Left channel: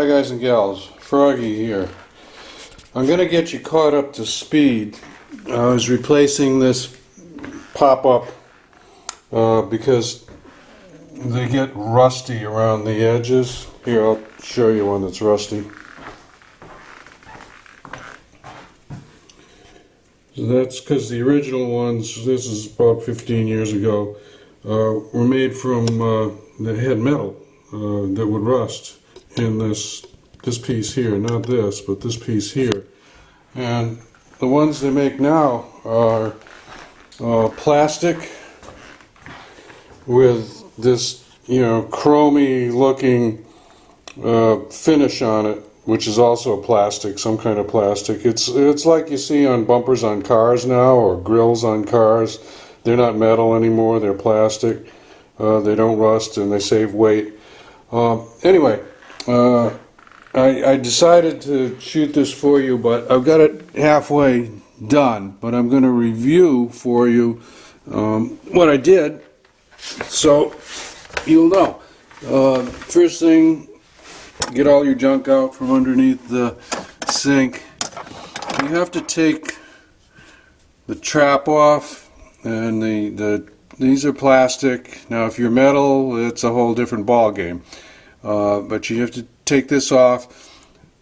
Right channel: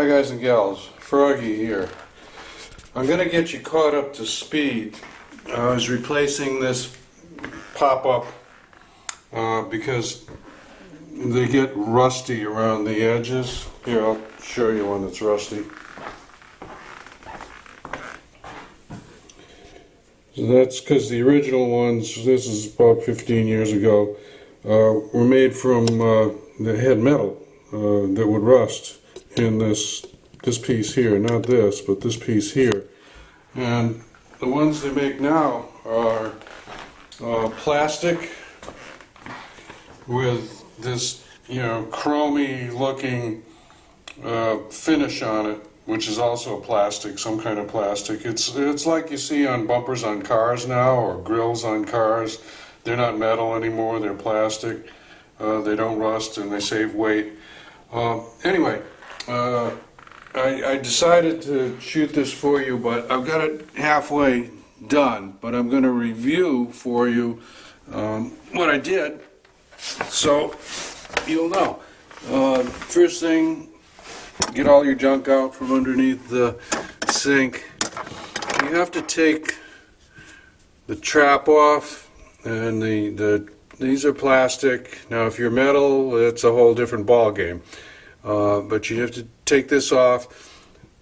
Hi guys and gals, Froggy here. I'm going to get you caught up to speed. I was replacing this pop-up because they get rusty around the edges. Here, I'll show you one that's rusty. So that's because the original ones, this is about 15 years ago, were made from the head metal that would rust in this piece here, not this, but this piece here. And the ones they make now are plastic with this, chromy looking finish on it, which is also plastic, some kind of plastic. It's like you see on bumpers on cars now, or grills on cars. They're not metal anymore, they're plastic. They don't rust and they save weight. Anyway, I decided to shoot this for you, but I've got it halfway done. But I'm going to review for you what I did, so you'll know. First thing, get all your junk out from underneath the sink. You have to take the trap off, and these are plastic. Now if you're metal, it's a whole different ball game. But you have to take this off.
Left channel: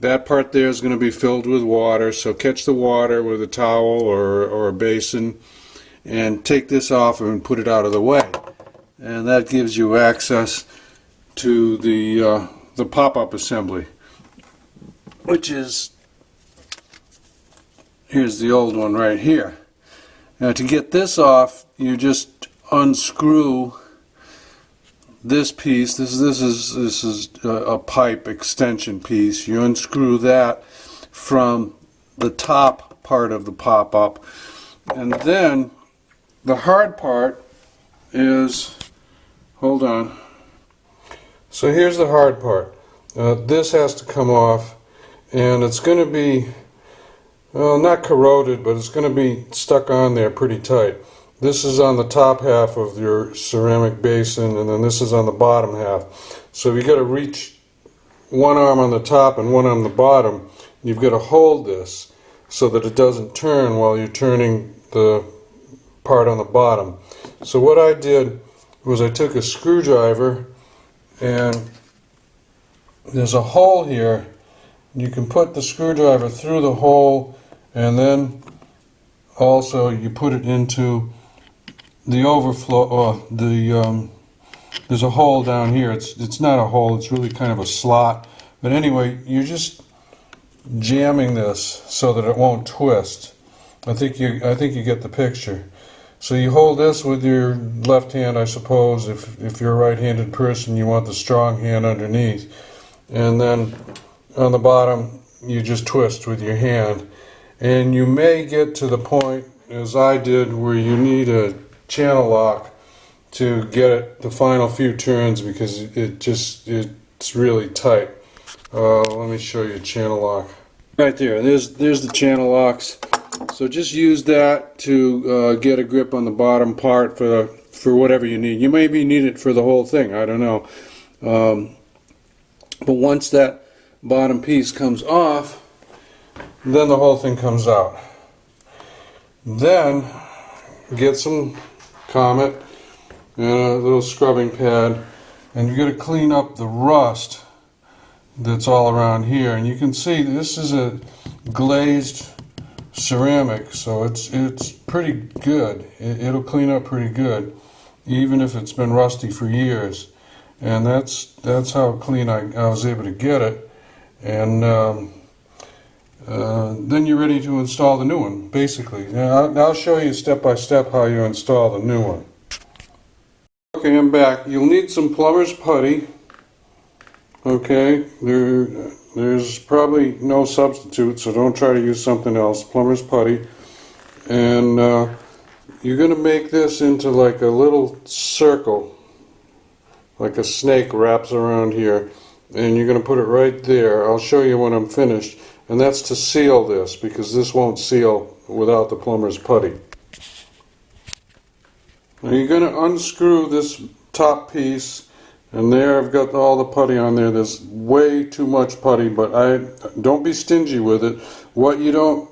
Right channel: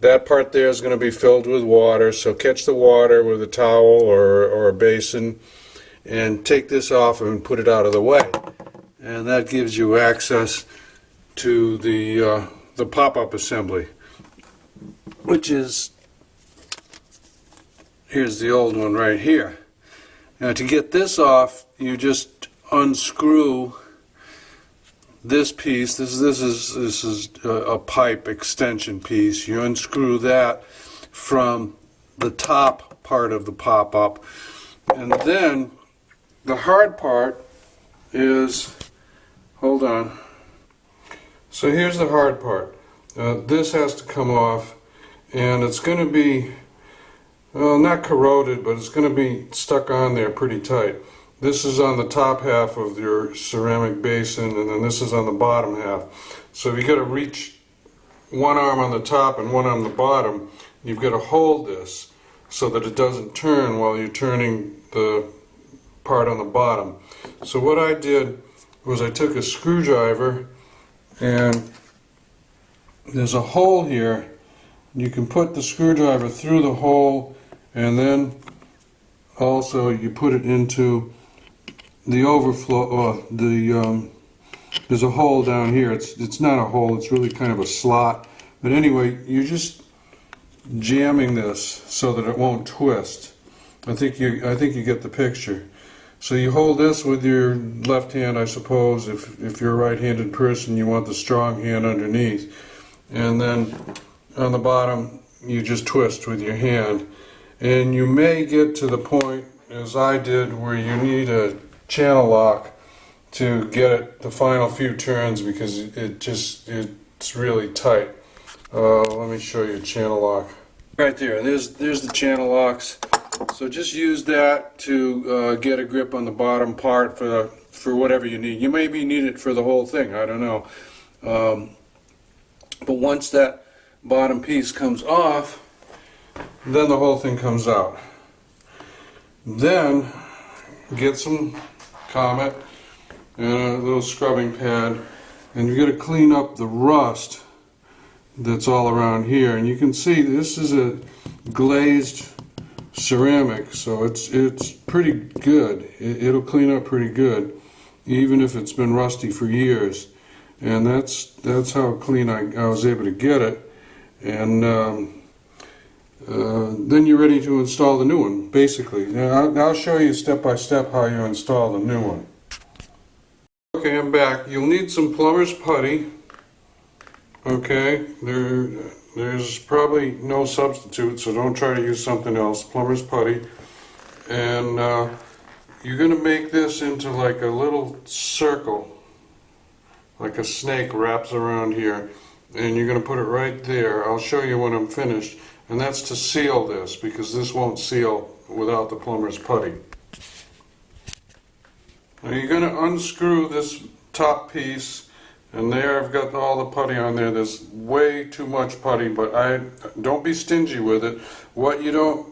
That part there is going to be filled with water, so catch the water with a towel or a basin and take this off and put it out of the way. And that gives you access to the pop-up assembly, which is, here's the old one right here. Now to get this off, you just unscrew this piece. This is a pipe extension piece. You unscrew that from the top part of the pop-up, and then the hard part is, hold on. So here's the hard part. This has to come off, and it's going to be, well, not corroded, but it's going to be stuck on there pretty tight. This is on the top half of your ceramic basin, and then this is on the bottom half. So you got to reach one arm on the top and one on the bottom. You've got to hold this so that it doesn't turn while you're turning the part on the bottom. So what I did was I took a screwdriver, and there's a hole here. You can put the screwdriver through the hole, and then also you put it into the overflow, there's a hole down here. It's not a hole, it's really kind of a slot. But anyway, you're just jamming this so that it won't twist. I think you get the picture. So you hold this with your left hand, I suppose. If you're a right-handed person, you want the strong hand underneath. And then on the bottom, you just twist with your hand. And you may get to the point, as I did, where you need a channel lock to get it the final few turns, because it's really tight. Let me show you a channel lock. Right there, there's the channel locks. So just use that to get a grip on the bottom part for whatever you need. You maybe need it for the whole thing, I don't know. But once that bottom piece comes off, then the whole thing comes out. Then get some Comet and a little scrubbing pad, and you're going to clean up the rust that's all around here. And you can see this is a glazed ceramic, so it's pretty good. It'll clean up pretty good, even if it's been rusty for years. And that's how clean I was able to get it. And then you're ready to install the new one, basically. I'll show you step by step how you install the new one. Okay, I'm back. You'll need some plumber's putty. Okay, there's probably no substitute, so don't try to use something else. Plumber's putty. And you're going to make this into like a little circle, like a snake wraps around here. And you're going to put it right there. I'll show you when I'm finished. And that's to seal this, because this won't seal without the plumber's putty. Now you're going to unscrew this top piece And there I've got all the putty on there. There's way too much putty, but don't be stingy with it. What you don't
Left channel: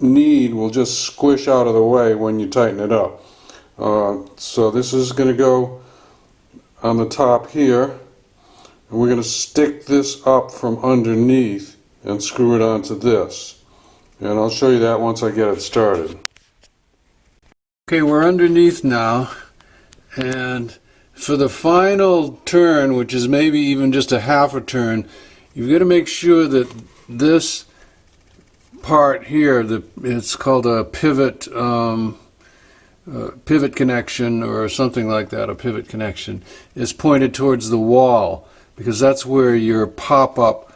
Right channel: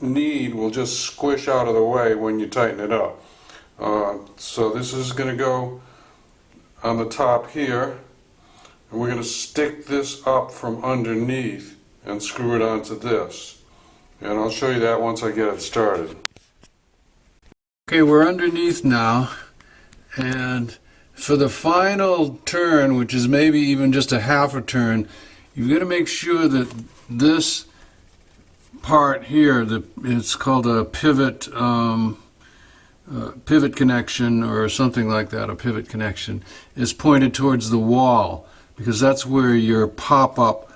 need will just squish out of the way when you tighten it up. So this is going to go on the top here, and we're going to stick this up from underneath and screw it onto this. And I'll show you that once I get it started. Okay, we're underneath now, and for the final turn, which is maybe even just a half a turn, you've got to make sure that this part here, it's called a pivot connection or something like that, a pivot connection, is pointed towards the wall, because that's where your pop-up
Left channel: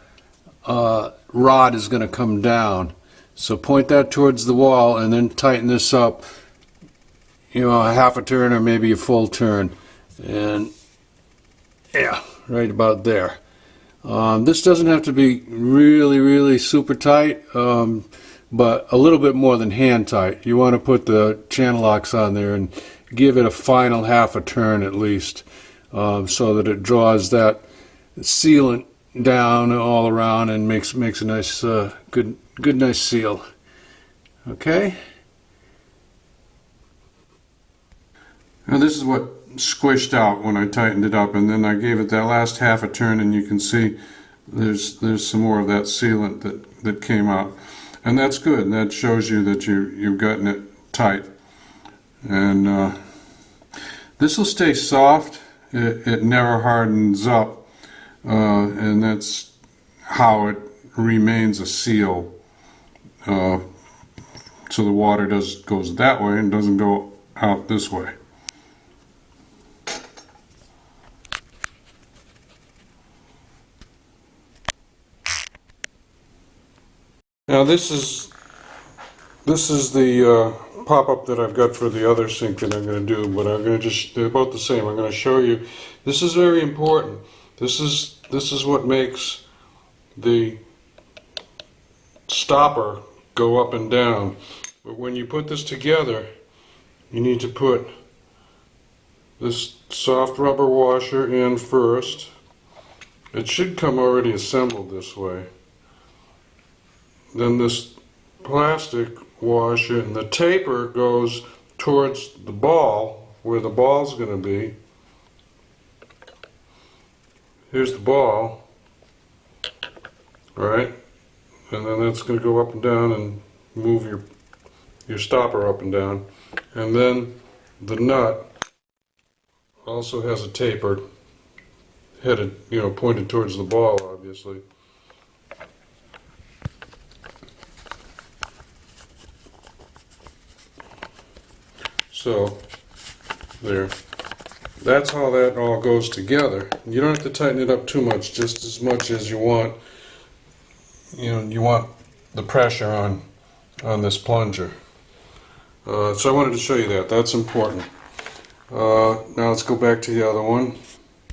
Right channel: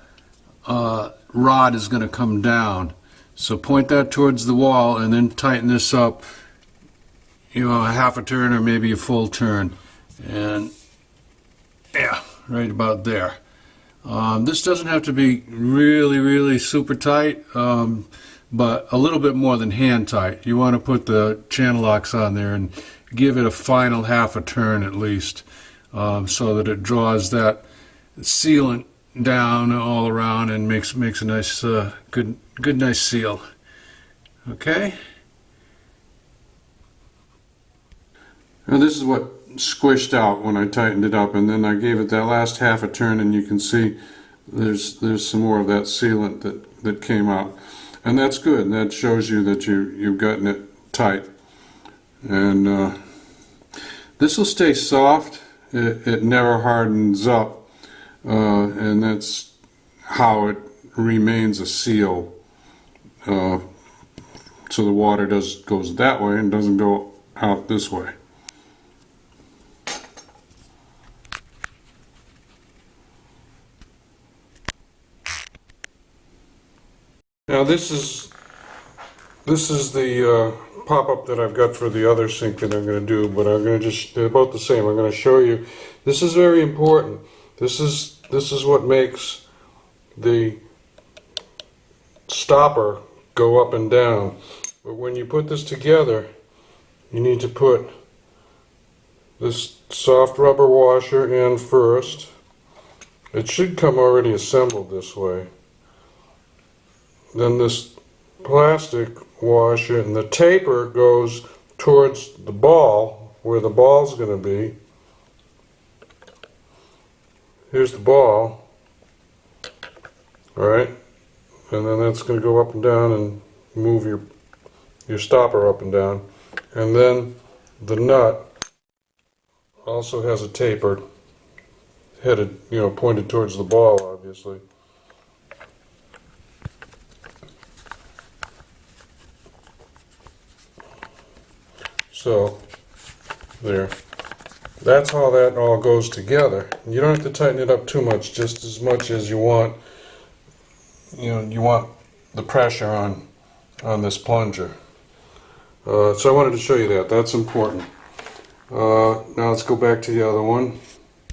rod is going to come down. So point that towards the wall and then tighten this up, a half a turn or maybe a full turn. And yeah, right about there. This doesn't have to be really super tight, but a little bit more than hand tight. You want to put the channel locks on there and give it a final half a turn at least, so that it draws that sealant down all around and makes a nice good nice seal. Okay. Now this is what squished out when I tightened it up, and then I gave it that last half a turn, and you can see there's some more of that sealant that came out, and that's good, and that shows you that you've gotten it tight. And this will stay soft. It never hardens up, and that's how it remains a seal. So the water goes that way and doesn't go out this way. Now this is the pop-up that I've got for the other sink that I'm going to do, but I'm going to they're about the same. I'm going to show you. This is very important. This is what makes the stopper go up and down. But when you put this together, you need to put this soft rubber washer in first. It should come already assembled this way. Then this plastic washer, and the taper goes towards the ball, where the ball's going to be. Here's the ball, alright, and then that's going to go up and down and move your stopper up and down. And then the nut also has a taper headed, pointed towards the ball, obviously. So, there. That's how that all goes together. You don't have to tighten it up too much, just as much as you want. You want the pressure on this plunger. So I wanted to show you that. That's important. Now let's go back to the other one.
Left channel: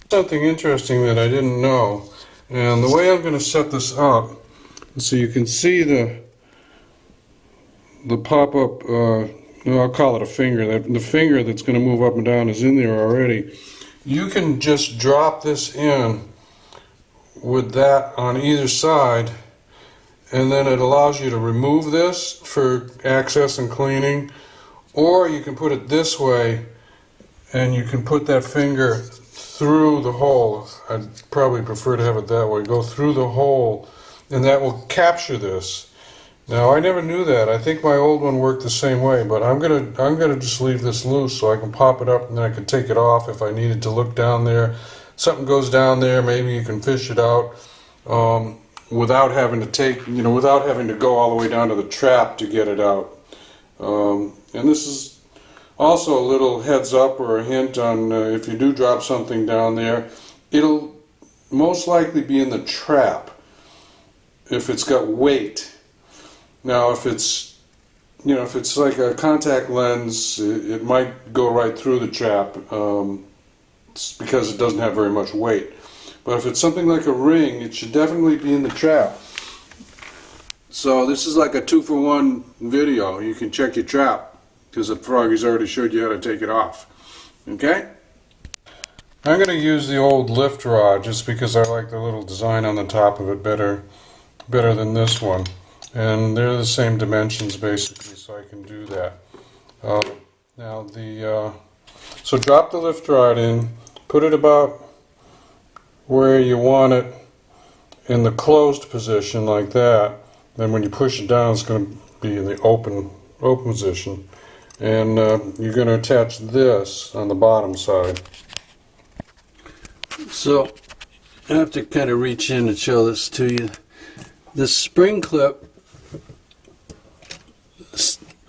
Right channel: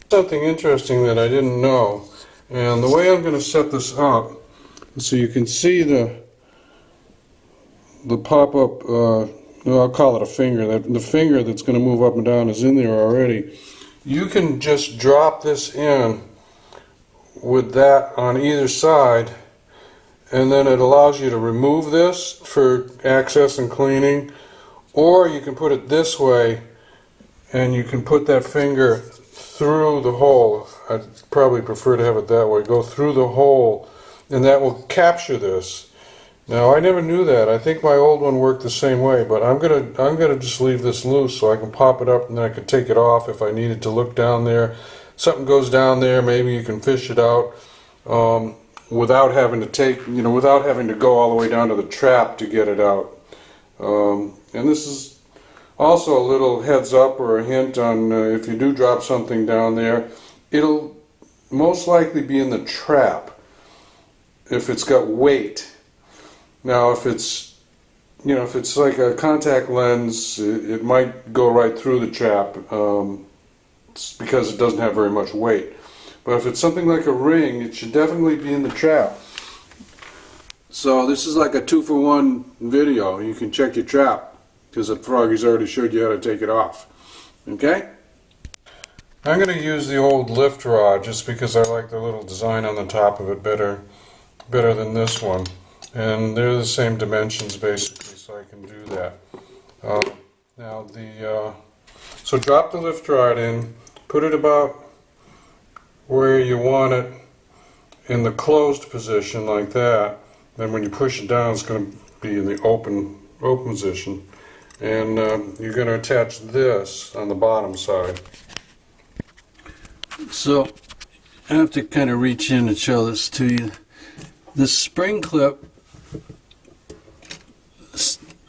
Something interesting that I didn't know, and the way I'm going to set this up, so you can see the pop-up. I'll call it a finger. The finger that's going to move up and down is in there already. You can just drop this in with that on either side, and then it allows you to remove this for access and cleaning, or you can put it this way and you can put that finger through the hole. I'd probably prefer to have it that way. Go through the hole, and that will capture this. Now, I never knew that. I think my old one worked the same way, but I'm gonna just leave this loose so I can pop it up, and then I can take it off if I needed to look down there. Something goes down there, maybe you can fish it out without having to without having to go all the way down to the trap to get it out. And this is also a little heads up or a hint on if you do drop something down there, it'll most likely be in the trap if it's got weight. Now, if it's like a contact lens, it might go right through the trap because it doesn't have very much weight. But if it's something like a ring, it should definitely be in the trap. So this is like a 2-for-1 video. You can check your trap because the Froggy's already showed you how to take it off. Okay? I'm going to use the old lift rod just because I like the little design on the top of it better than this one. And they're the same dimensions basically, so I can do that. Now so drop the lift rod in, put it about where you want it in the closed position like that. Then when you push it down, it's going to be in the open position. And you're going to attach this on the bottom side. So I have to kind of reach in and show this to you. This spring clip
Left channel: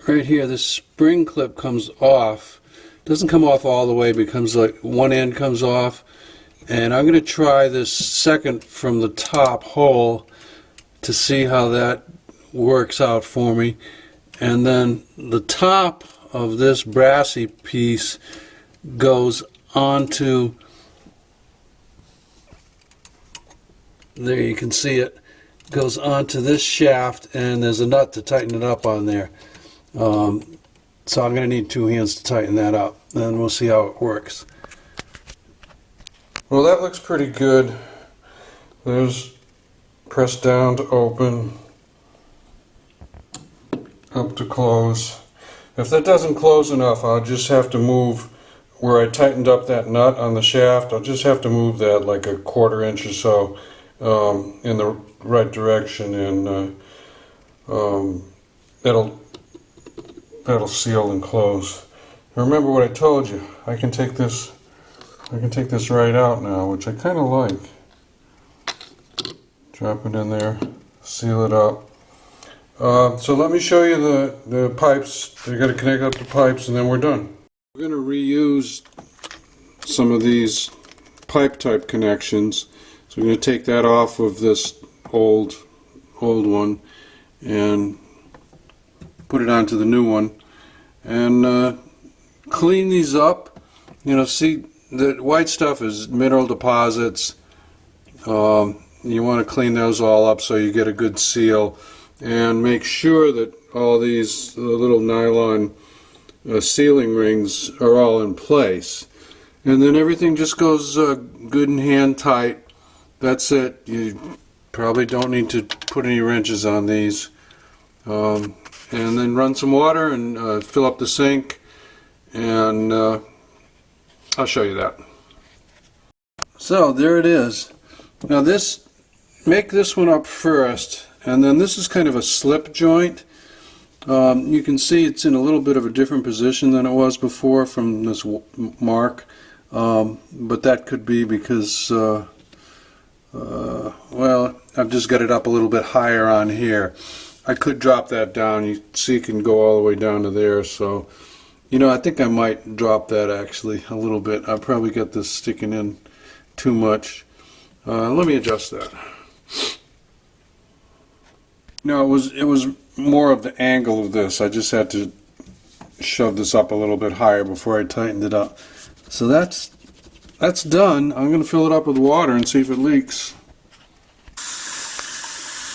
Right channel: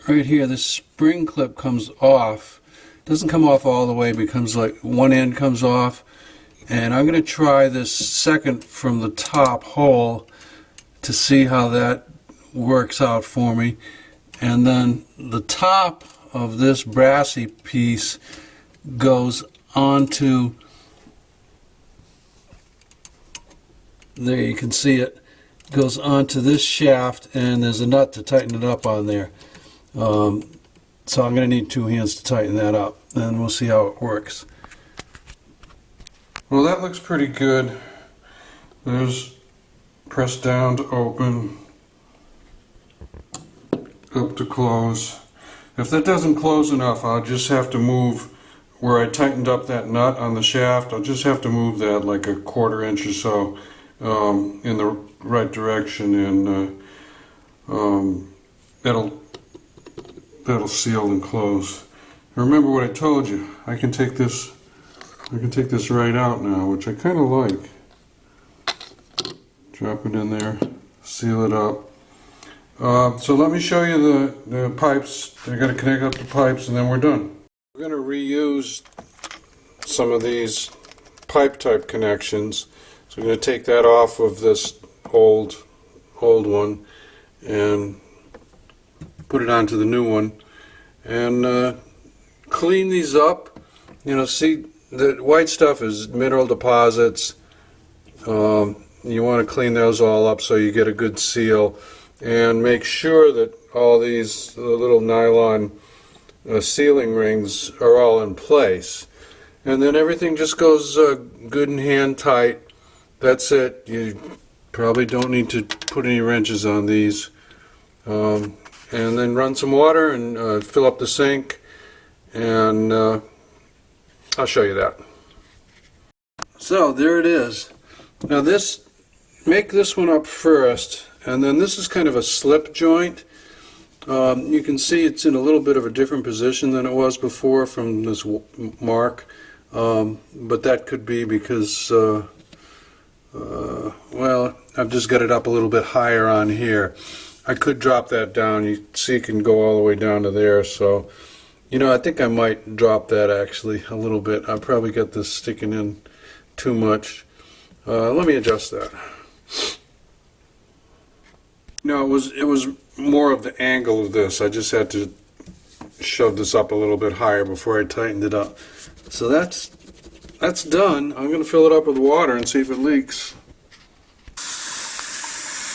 right here, this spring clip comes off. Doesn't come off all the way, becomes like one end comes off. And I'm going to try this second from the top hole to see how that works out for me. And then the top of this brassy piece goes onto, there you can see it, goes onto this shaft, and there's a nut to tighten it up on there. So I'm going to need 2 hands to tighten that up, and we'll see how it works. Well, that looks pretty good. There's press down to open, up to close. If that doesn't close enough, I'll just have to move where I tightened up that nut on the shaft. I'll just have to move that like a 1/4 inch or so in the right direction, and that'll seal and close. Remember what I told you. I can take this right out now, which I kind of like. Drop it in there, seal it up. So let me show you the pipes. They're going to connect up the pipes, and then we're done. We're going to reuse some of these pipe type connections. So I'm going to take that off of this old one and put it onto the new one, and clean these up. You know, see, the white stuff is mineral deposits. You want to clean those all up so you get a good seal, and make sure that all these little nylon sealing rings are all in place, and then everything just goes good and hand tight. That's it. You probably don't need to put any wrenches on these. And then run some water and fill up the sink, and I'll show you that. So there it is. Now make this one up first, and then this is kind of a slip joint. You can see it's in a little bit of a different position than it was before from this mark, but that could be because well, I've just got it up a little bit higher on here. I could drop that down. You see it can go all the way down to there, so you know, I think I might drop that actually a little bit. I probably got this sticking in too much. Let me adjust that. No, it was more of the angle of this. I just had to shove this up a little bit higher before I tightened it up. So that's done. I'm going to fill it up with water and see if it leaks.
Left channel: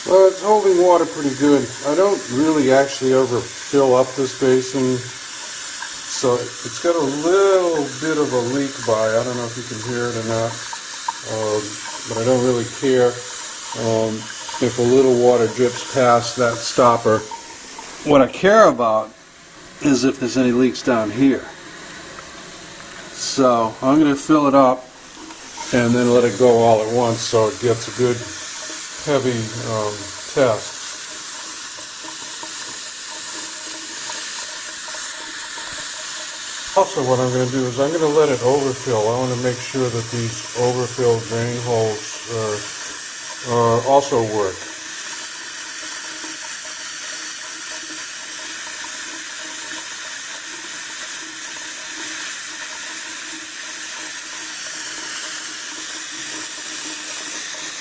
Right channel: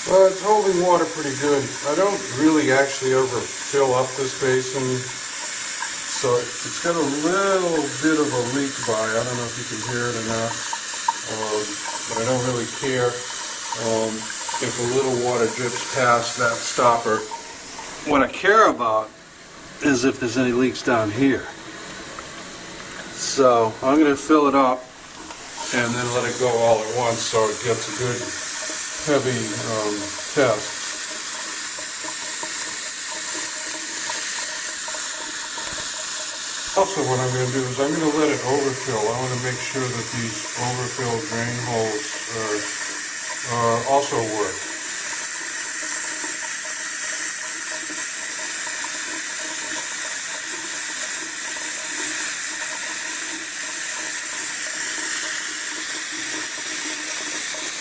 Well, it's holding water pretty good. I don't really actually ever fill up this basin, so it's got a little bit of a leak by. I don't know if you can hear it or not, but I don't really care if a little water drips past that stopper. What I care about is if there's any leaks down here. So I'm going to fill it up and then let it go all at once so it gets a good heavy test. Also, what I'm going to do is I'm going to let it overfill. I want to make sure that these overfilled drain holes also work.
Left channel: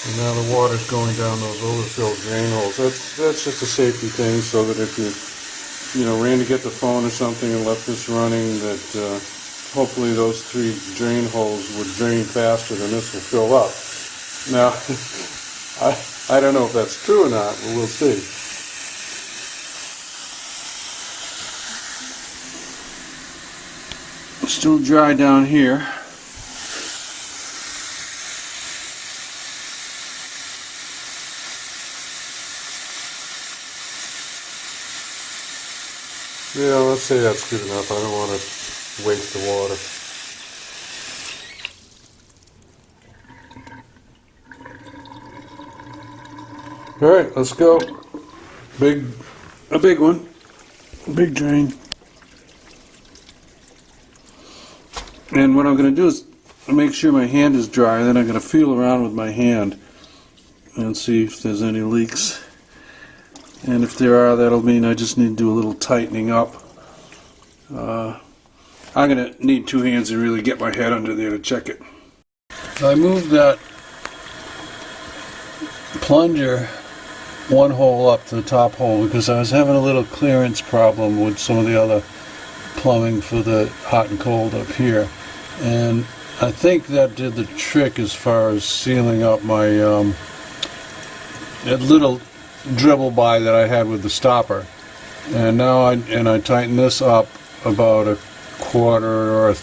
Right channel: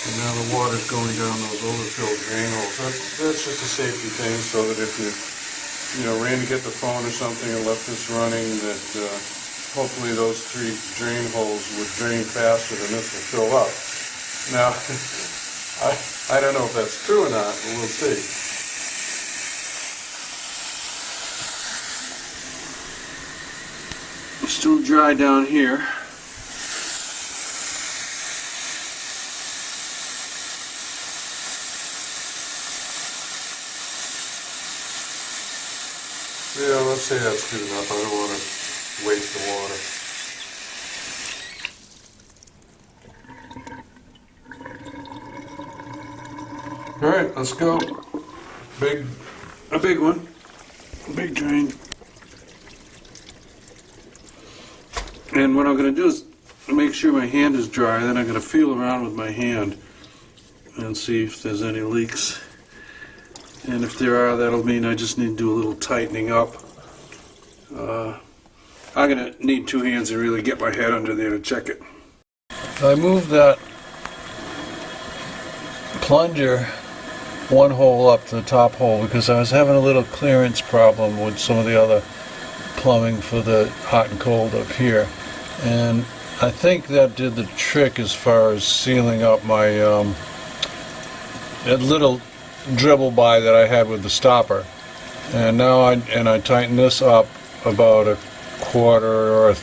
And now the water's going down those overfilled drain holes. That's just a safety thing, so that if you ran to get the phone or something and left this running, that hopefully those 3 drain holes would drain faster than this will fill up. Now, I don't know if that's true or not, but we'll see. Still dry down here. Yeah, let's say that's good enough. I don't want to waste the water. Alright, let's go. A big one. A big drain. And what I'm going to do is make sure my hand is dry, and then I'm going to feel around with my hand and see if there's any leaks. And if there are, that'll mean I just need to do a little tightening up. I'm going to need two hands to really get my head under there to check it. I moved that plunger one hole up to the top hole because I was having a little clearance problem with some of the other plumbing for the hot and cold up here. And I think that did the trick as far as sealing up my that little dribble by that I had with the stopper. And now I tighten this up about a quarter or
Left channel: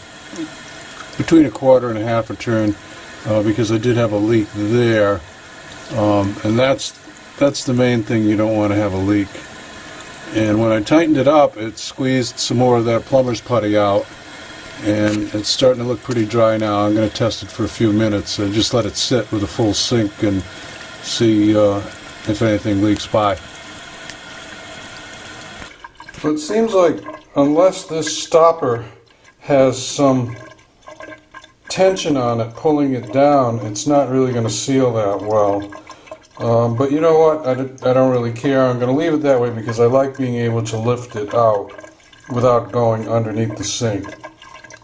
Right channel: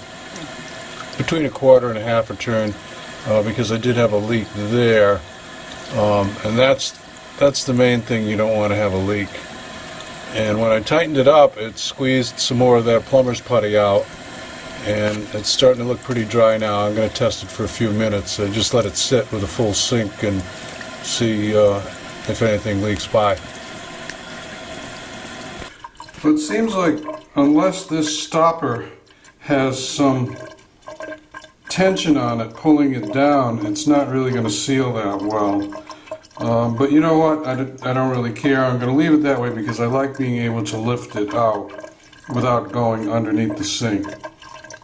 between a quarter and a half a turn because I did have a leak there, and that's the main thing. You don't want to have a leak. And when I tightened it up, it squeezed some more of that plumber's putty out, and it's starting to look pretty dry now. I'm going to test it for a few minutes. So just let it sit with a full sink and see if anything leaks by. Well, it seems like unless this stopper has some tension on it pulling it down, it's not really going to seal that well. But you know what? I don't really care. I'm going to leave it that way because I like being able to lift it out without going underneath the sink.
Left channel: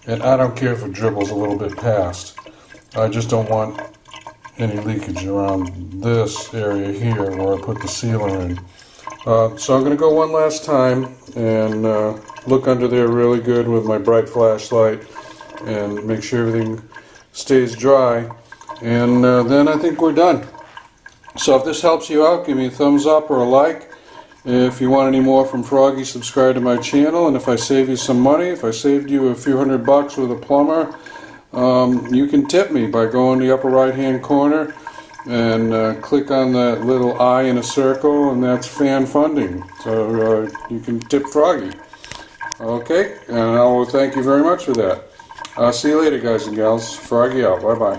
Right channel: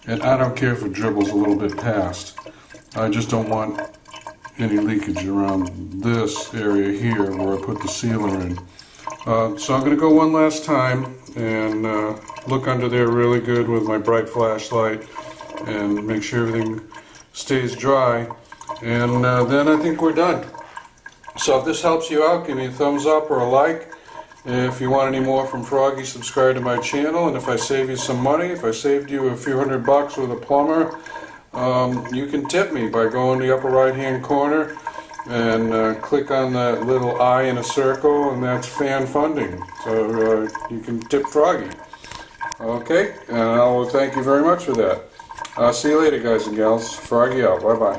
And I don't care if it dribbles a little bit past. I just don't want any leakage around this area here where I put the sealer in. So I'm going to go one last time and look under there really good with my bright flashlight and make sure everything stays dry. And then I think we're done. So if this helps you out, give me a thumbs up or a like. If you want any more from Froggy, subscribe to my channel. And if I save you some money, if I saved you a few $100 with a plumber, you can tip me by going to the upper right hand corner and click on that little I in a circle, and that's fan funding. So you can tip Froggy. Okay, and I will thank you very much for that. See you later, guys and gals. Froggy out. Bye-bye.